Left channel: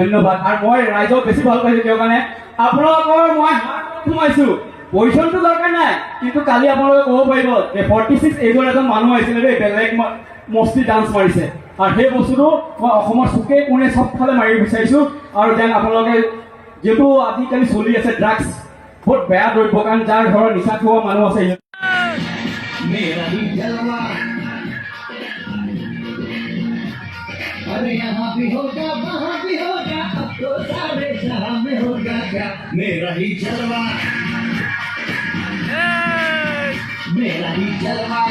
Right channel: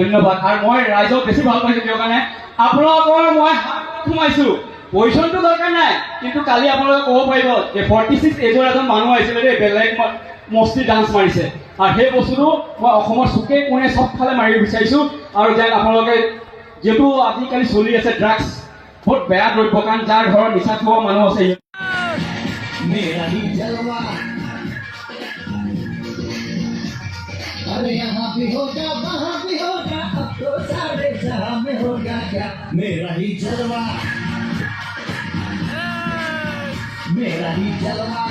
ধন্যবাদ। আৰু মই ৰাইজক বেছি ভাল পাইছোঁ কিয় মানে আপোনালোকৰ মই হাত সোমাইছোঁ, পইচাটো দৰকাৰ নাই, কিন্তু কালি আপোনালোকে ক'ব পাৰিব যে 46 এজৰ এজন মানুহ আহিছিলে দেই, বেলেগ মস্তি ডান্স মাৰিছে, আৰু সেই বস্তুটো মই অসমৰ চুকে কোণে চবফালে মাৰিব বিচাৰিছোঁ। আৰু যেন আপোনালোকে যিহেতু আজিকালি চলি আছে ড্ৰাগছ, বহুত বেয়া দ্ৰব্য, কাৰণ যাৰ ঘৰত নিচা খোৱা মানুহ আছে मेरा ही जलवा अरे यहाँ भी होगा वहाँ भी होगा अब तो सारे जहाँ में होगा क्या मेरा ही जलवा मेरा ही जलवा